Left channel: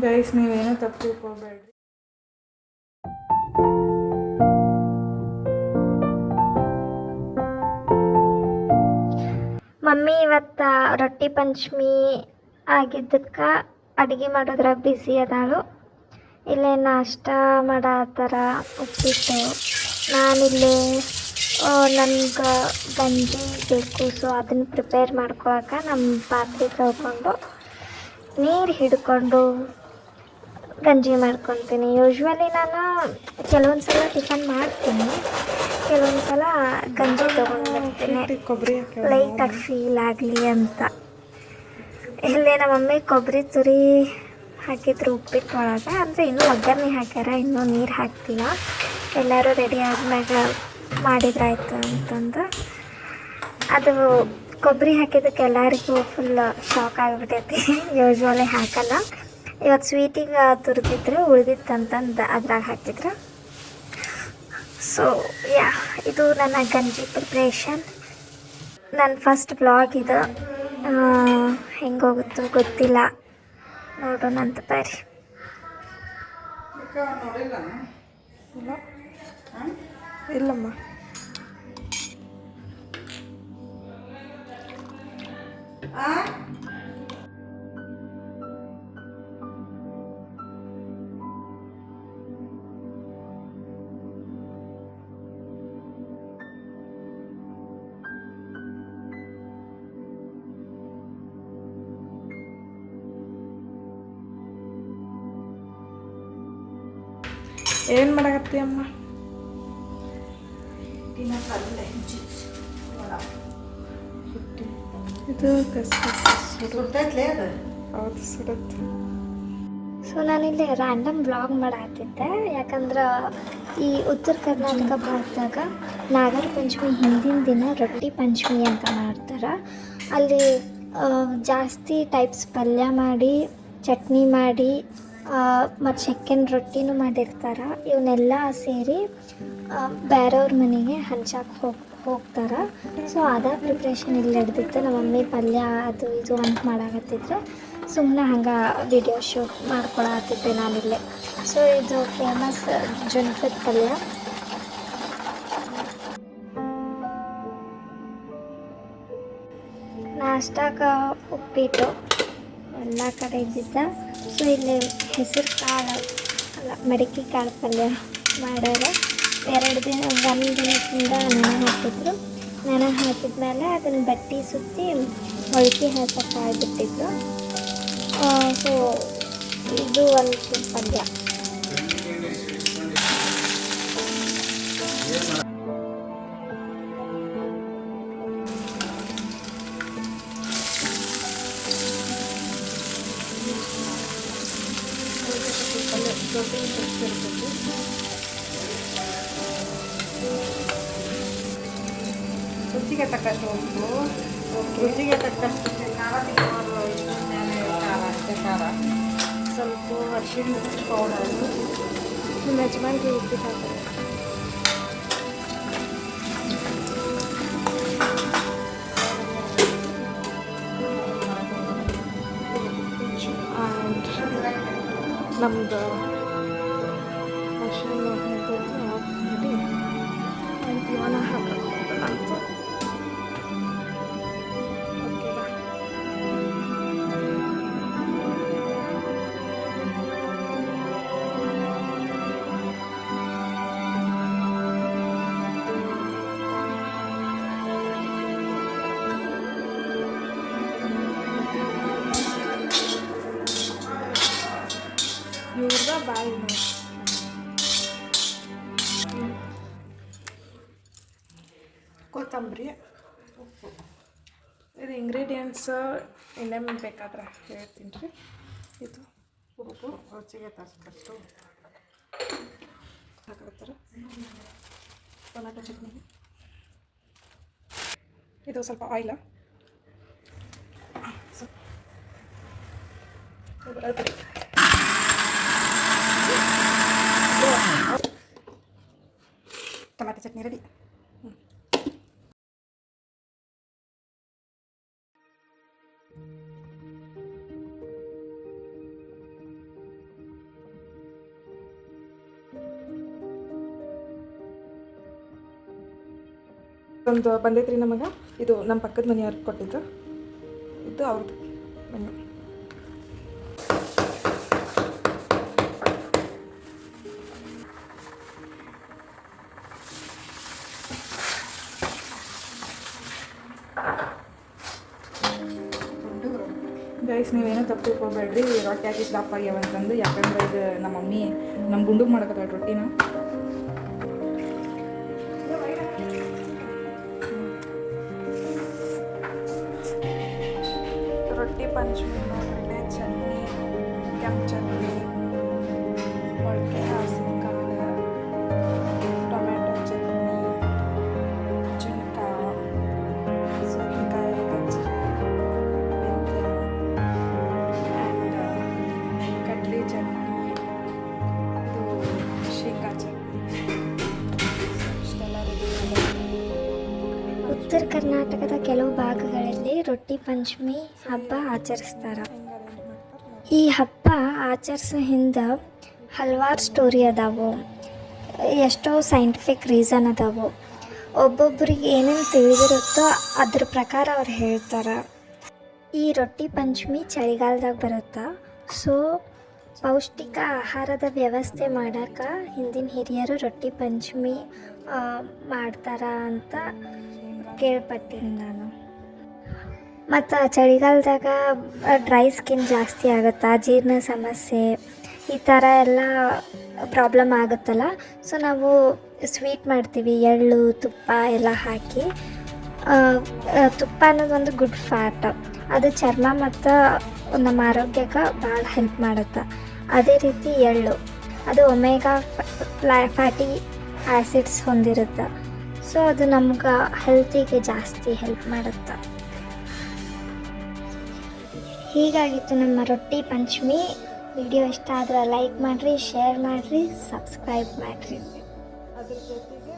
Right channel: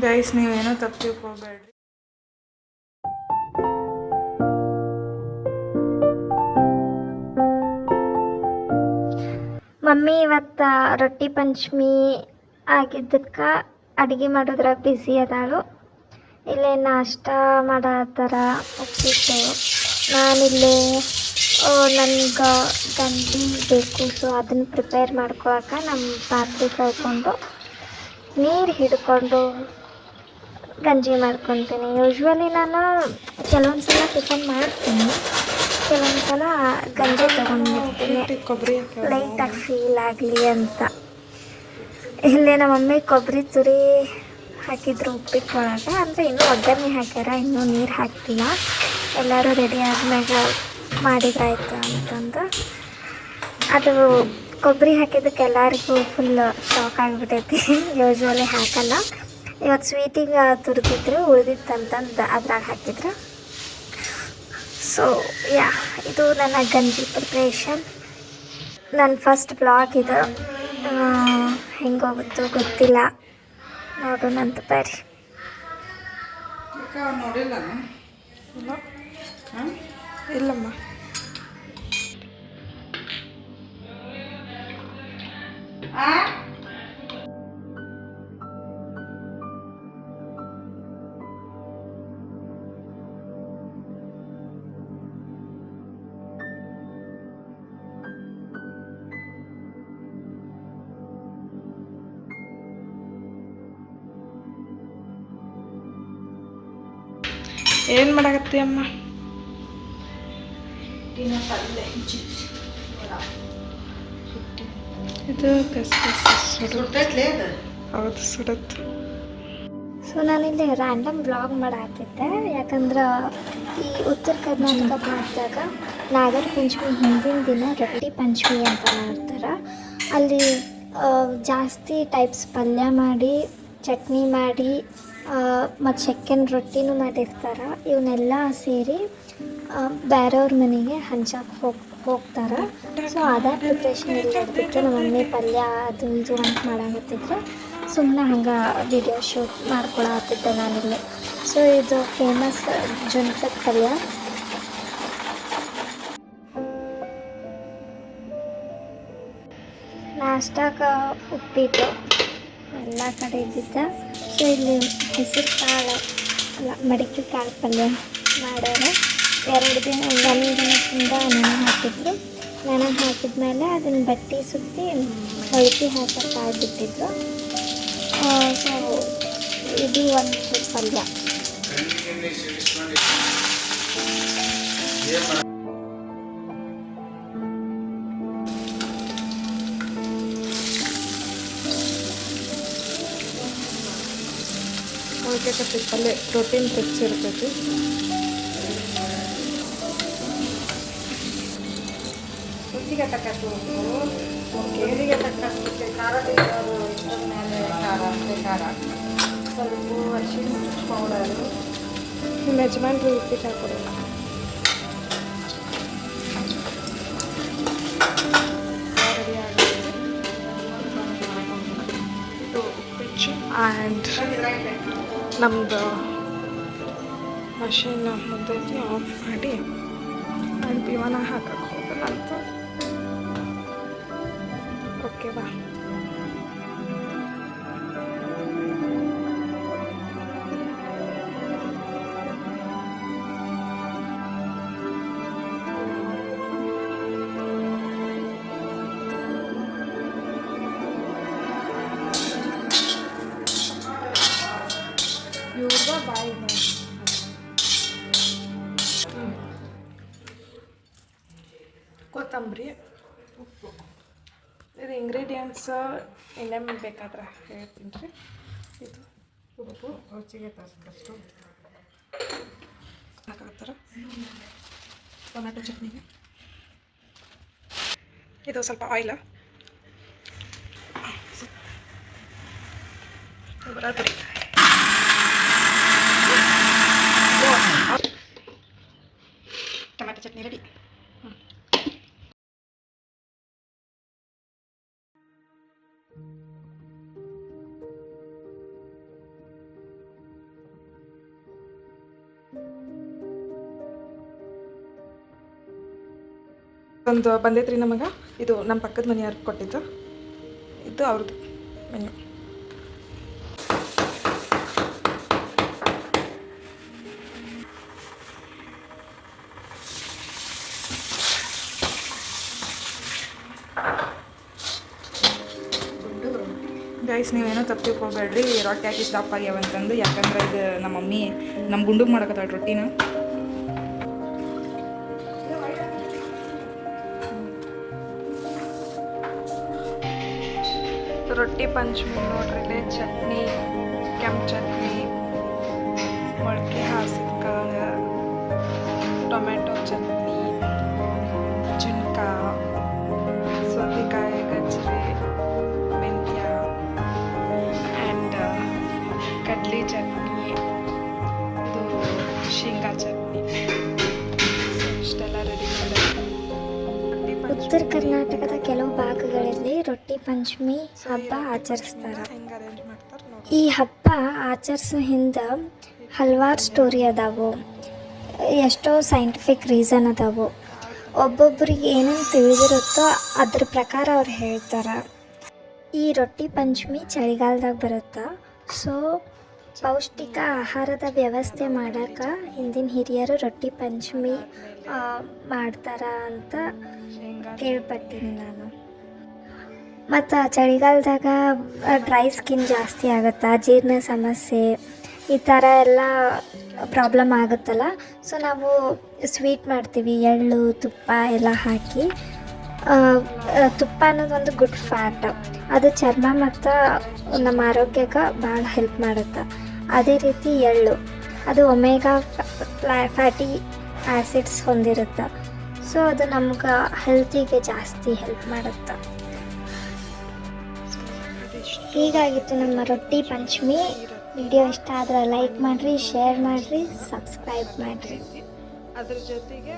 Guys ನೀವೇನೋ ತಪ್ಪು ತಿಳ್ಕೊಬೇಡ್ರಿ. Mummy ಇವತ್ತು ರೊಟ್ಟಿ ಪಂಚಮಿ ಆಗಿದ್ದಕ್ಕೆ ಅಡುಗೆ ಮಾಡೋದ್ರಾಗ ಬ್ಯುಸಿ ಅದಾಳು. ಇಲ್ಲೇ ನಾಷ್ಟ ಮಾಡತ್ತಾರ ಉಪ್ಪಿಟ್ಟು. ನಾನಿಲ್ಲೇ ನನ್ಗೆ ಗಂಜಿ ಬೇಕು, ಸೊ ಅದನ್ನು ಪ್ರಿಪೇರ್ ಮಾಡ್ಕೊಳಕ್ಕೆ ನಮ್ಮ ಪಾತ್ರೆ ತೊಳ್ಕೊಂಡು ನೀರು ಹಿಡ್ಕೊಂಡು ಗಂಜಿ ಮಾಡ್ಕೊತೀನಿ. ಯೂಶ್ವಲಿ ನಾನು ಕೆಲವೊಂದು ಸಲ ಟಿಫನ್ ಮಾಡ್ತೀನಿ, ಕೆಲವೊಂದು ಸಲ ಗಂಜಿ ತೊಗೊಂಡ್ಬರ್ತೀನಿ ಕೊಬ್ಬರಿ ಲೈಟಾಗಿ ಫೀಲ್ ಆಗಲಿ ಅಂತ. ಇಲ್ಲೇ ನಮ್ಮ ಮಮ್ಮಿ ಕೊಬ್ಬರಿ ತುರಿ ಹಾಕಿದ್ರು ಉಪ್ಪಿಟ್ಟು ಒಳಗೆ, ಅಂದರೆ ಇನ್ನೂ ಒಗ್ಗರಣೆ ಹಾಕ್ಯಾರ, ಇನ್ನೂ ನೀರು ಹಾಕ್ತಿಲ್ಲ. ಎಲ್ಲರೂ ರೆಡಿ ಆದ್ಮ್ಯಾಗ ಮಾಡಿದ್ರಾಯ್ತು ಅಂತಂದು. ಅದು ಕೊಬ್ಬರಿ ಹಾಕಿದ್ದಕ್ಕೆ ಎಲ್ಲರಿಗೂ ಫುಲ್ ಶಾಕ್ ಆಗಿಬಿಟ್ಟೈತಿ. ಯೂಶ್ವಲಿ ಹಾಕಲ್ಲ. ಇವತ್ತು ಸ್ವೀಟಿಗೆ ತುರಿದಿದ್ರು, ಉಳಿದಿತ್ತಂತಂದು ಅದ್ರಾಗ ಹಾಕಿದ್ರು. ಸೊ ಯಾ, ಇದು ನನ್ನ ಗಂಜಿ ಪ್ರಿಪ್ರೇಷನ್. ನನ್ನ ಫಸ್ಟ್ ಬ್ಲಾಗ್ ಇದು. ಹೆಂಗೋಗುತ್ತೋ ಗೊತ್ತಿಲ್ಲ, ನೋಡೋಣ ಅಂತ ಬರ್ರಿ. ಇಲ್ಲಮ್ಮ, ಏನು ಮಾಡಕತ್ತಿ ಅಮ್ಮ? ಇದು ಹೌದು, ಸುಡತ್ತೆ. ಸೊ ನಾನಿಲ್ಲಿ ರ್ಯಾಂಡಮ್ ವ್ಲಾಗ್ ಮಾಡಾಕತ್ತಿದ್ದೆ, ಯಾಕಂದ್ರೆ ಈ ಉತ್ತರ ಕರ್ನಾಟಕ ಭಾಗದಾಗ ನಾಗರ ಪಂಚಮಿ ಹಿಂದಿನ ದಿನ ರೊಟ್ಟಿ ಪಂಚಮಿ ಅಂತ ಮಾಡ್ತಾರೆ. ಅಲ್ಲಿ ಜಾಸ್ತಿ ಟೈಪ್ಸ್ ಪಲ್ಯ ಮಾಡಿ, ಚಟ್ನಿ ಮಾಡಿ, ಮತ್ತು ಚೆಕ್ಕನ್ ರೊಟ್ಟಿನೂ ಮಾಡಿರ್ತಾರೆ. ಇವನ್ನೆಲ್ಲ ಸೇರಿ ಬೇರೆಯವ್ರ ಮನೆಗೆ ಹಂಚಕ್ಕೆ ಹೋಗ್ತಾರೆ. ಸೊ ಅದೇ ಪ್ರಿಪ್ರೇಷನ್ ಇಲ್ಲಿ ಹಿಡ್ದಿತ್ತು. ನಮ್ಮ ಮಮ್ಮಿ ಪಲ್ಯ ಅದು ಇದು ಅಂತ ಮಾಡಾಕತ್ತಿದ್ರು. ಸುಮ್ಮನೆ ಹಂಗೆ ವಿಡಿಯೋ ಶೂಟ್ ಮಾಡ್ಕೊಳತ್ತಿದ್ದೆ ನಾನಿಲ್ಲಿ. ಸೊ ಇದು ಫೇಮಸ್ ಜುನ್ಕದ ಪಲ್ಯ. ನಾಷ್ಟಾಗ ಉಪ್ಪಿಟ್ಟು ಎಲ್ಲ ಕಡೆ ಇದ್ದಿದ್ದ. ಸೊ ಇಲ್ಲಿ ಹೆಸರು ಕಾಳು ಅಲ್ಲ, ಮಡಿಕೆ ಕಾಳು ಪಲ್ಯ ಮಾಡ್ಯಾರ. 2 ದಿನ, 1 ದಿನದಿಂದ ನೆನೆ ಹಾಕಿದ್ರು. ನೆನೆ ಹಾಕಿದ್ಮೇಲೆ ಅದನ್ನು ಬಟ್ಟೆ ಸುತ್ತಿ ಹೊಳ್ಗೆ ಹಾಕಕ್ಕೆ ಬಿಟ್ಟಿದ್ದು. ಸೊ ಇದು ಒಂದು ಪಲ್ಯ. ಪಲ್ಯ ಪ್ರೋಟೀನ್ ತೆಗ್ಸಿರ್ತೈತಿ. ರುಚಿಗೆ ತಕ್ಕಷ್ಟು ಉಪ್ಪು, ರುಚಿಗೆ ತಕ್ಕಷ್ಟು ಖಾರ ತಿನ್ನೋರು ಇಷ್ಟೊಂದು ಮೇಲೆ ಖಾರ, ಸ್ವಲ್ಪ ಅರಿಶಿಣ ಪೌಡರು. ನಿಮ್ಮ ಯಜಮಾನ್ರು ಉಪ್ಪಿಟ್ಟು ಹಾಕೋರು. ರೆಡಿ ಆಗುತ್ತೆ ಇದು ಉಪ್ಪಿಟ್ಟು. ಆ್ಯಂಡ್ ನಮ್ಮದು ಮಷೀನ್ ಎಂತೈತಿ ಆಫ್ ಮಾಡಿ ಆ್ಯಂಡ್ ಇವನ ಹಾಕಕ್ಕೆ ಹೋಗೋಣ ಅಂತ. ಓಕೆ ಬಾ. ಇವ್ರದ ಬಾಯಿ ನೋಡಿ. ಕೊತ್ತಂಬರಿ, ಉಪ್ಪು. ಇದು ಇಂಗ್ರೀಡಿಯೆಂಟ್ಸ್ ಇನ್ನೇನು ಬೇಕಾದ್ರೆ ಹೇಳ್ತೀನಿ ರೀ. ಇದು ಉಪ್ಪು ರುಚಿಗೆ ತಕ್ಕಷ್ಟು ಹಾಕತ್ತಾರೆ. ಟೊಮ್ಯಾಟೊ ಚಟ್ನಿಗೆ ಇದು ಸ್ವಲ್ಪ ಆಯಿಲ್, ಬರೋದ್ರಿ ಟೊಮ್ಯಾಟೊ ಚಟ್ನಿ ರೆಡಿ. ಬಂದೈತ್ರಿ ನಮಗೆ. ಇದು ನಮ್ಮ ಪಕ್ಕದ ಮನೆಯವ್ರು ಕೊಟ್ಟಿದ್ದು, ಇದು ಅವ್ರದ್ದು ಮೆನ್ಯು. ಗೈಸ್, ನೀವೇನೋ ತಪ್ಪು ತಿಳ್ಕೊಬೇಡ್ರಿ, ರೊಟ್ಟಿ ಹಾಕಿ ದಪ್ಪ ಆಗ್ಯಾವಂತಂದು. ಯಾಕಂದ್ರೆ ಇದು ನಮ್ಮ ಮಮ್ಮಿ ನಮ್ಮ ಗುಂಡುಗೆ ಮಾಡಕತ್ತಾಳ ರೊಟ್ಟಿನ. ರೊಟ್ಟಿ ಪಂಚಮಿ ನೋಡ್ರಿ, ಚಟ್ನಿ, ಕೆಂಪು ಚಟ್ನಿ, ಮೊಳಕೆ ಹಾಸಿನಕಾಳು, ಟೊಮೆಟೊ ಚಟ್ನಿ, ಜುನ್ಕ, ಸೌತೆಕಾಯಿ ಗಜ್ಜರಿ, ಮೆಂತ್ಯ ಆ್ಯಂಡ್ ಕಡ್ಲಿ ಚಟ್ನಿ, ಇದು ಶೇಂಗಾ ಚಟ್ನಿ, ಇಷ್ಟೆಲ್ಲ ರೆಡಿ ಮಾಡಿ. ಉತ್ತರ ಕರ್ನಾಟಕದ ಕೆಲವು ಭಾಗಗಳಲ್ಲಿ ರೊಟ್ಟಿ ಪಂಚಮಿ ಹಬ್ಬ ಆಚರಿಸ್ತಾರೆ. ಈ ಹಬ್ಬ ಆಚರಿಸೋ ಹಿಂದೆ ಹಲವಾರು ಸ್ಟೋರಿ ಅದಾವು, ಎಷ್ಟೋ ಸೈಂಟಿಫಿಕ್ ರೀಸನ್ ಅದಾವು. ಒಬ್ಬೊಬ್ರಿಗೆ ಏನೇನು ತಿಳಿದಿರುತ್ತೋ ಅದ್ರ ಪ್ರಕಾರ ಅವ್ರು ಹೇಳ್ತಾರೆ. ಈ ರೊಟ್ಟಿ ಪಂಚಮಿ ಚಳಿಗಾಲದಾಗ ಬರುತ್ತೆ. ಸೊ ಪೌಷ್ಟಿಕ ಆಹಾರದ ವ್ಯವಸ್ಥೆ ಮಾಡೋಕೆ ಹಿಂದಿನ ಹಿರಿಯರು ರೊಟ್ಟಿ ಪಂಚಮಿ ಮಾಡ್ತಾರ ಅಂತ ಕೇಳ್ಪಟ್ಟೀನಿ ನಾನು. ಮತ್ತು ಚಳಿಗಾಲದಾಗ ಡ್ರೈ ಸ್ಕಿನ್ ಜಾಸ್ತಿ ಆಗುತ್ತೆ, ಜೀರ್ಣ ಸಮಸ್ಯೆ ಈ ಥರ ಎಲ್ಲ ಪ್ರಾಬ್ಲಮ್ ಆಗುತ್ತಲ್ಲ. ಸೊ ನಾವು ಸ್ವೀಟ್ ಮಾಡ್ತೀವಿ, ಎಳ್ಳು ತುಪ್ಪ ಎಲ್ಲ ಹಾಕಿ. ತುಪ್ಪ ಅನ್ನೋದು ಒಂದು ಗುಡ್ ಫ್ಯಾಟ್, ಅದು ಚರ್ಮ ಮತ್ತು ನಮ್ಮ ಆರೋಗ್ಯಕ್ಕೆ ಭಾಳ ಹೆಲ್ಪ್ ಮಾಡುತ್ತೆ. ಅದೇ ರೀತಿ ಎಳ್ಳು, ಅದು ಒಮೆಗಾ ಫ್ಯಾಟಿ ಆ್ಯಸಿಡ್ಸ್ ಹೊಂದಿರುತ್ತೆ. ಸೊ ಅದು ನಮ್ಗೆ ಹೆಲ್ತಿಗೆ ಜಾಸ್ತಿ ಹೆಲ್ಪ್ ಮಾಡುತ್ತೆ. ಹೀಗಾಗಿತ್ತು ನಮ್ಮ ರೊಟ್ಟಿ ಪಂಚಮಿ. ವಿಡಿಯೋ ಇಷ್ಟ ಆದ್ರೆ ಲೈಕ್ ಮಾಡಿರಿ, ಶೇರ್ ಮಾಡಿರಿ, ಸಬ್ಸ್ಕ್ರೈಬ್ ಮಾಡಿರಿ. ಅದ್ರ ಜೊತೆಗೆ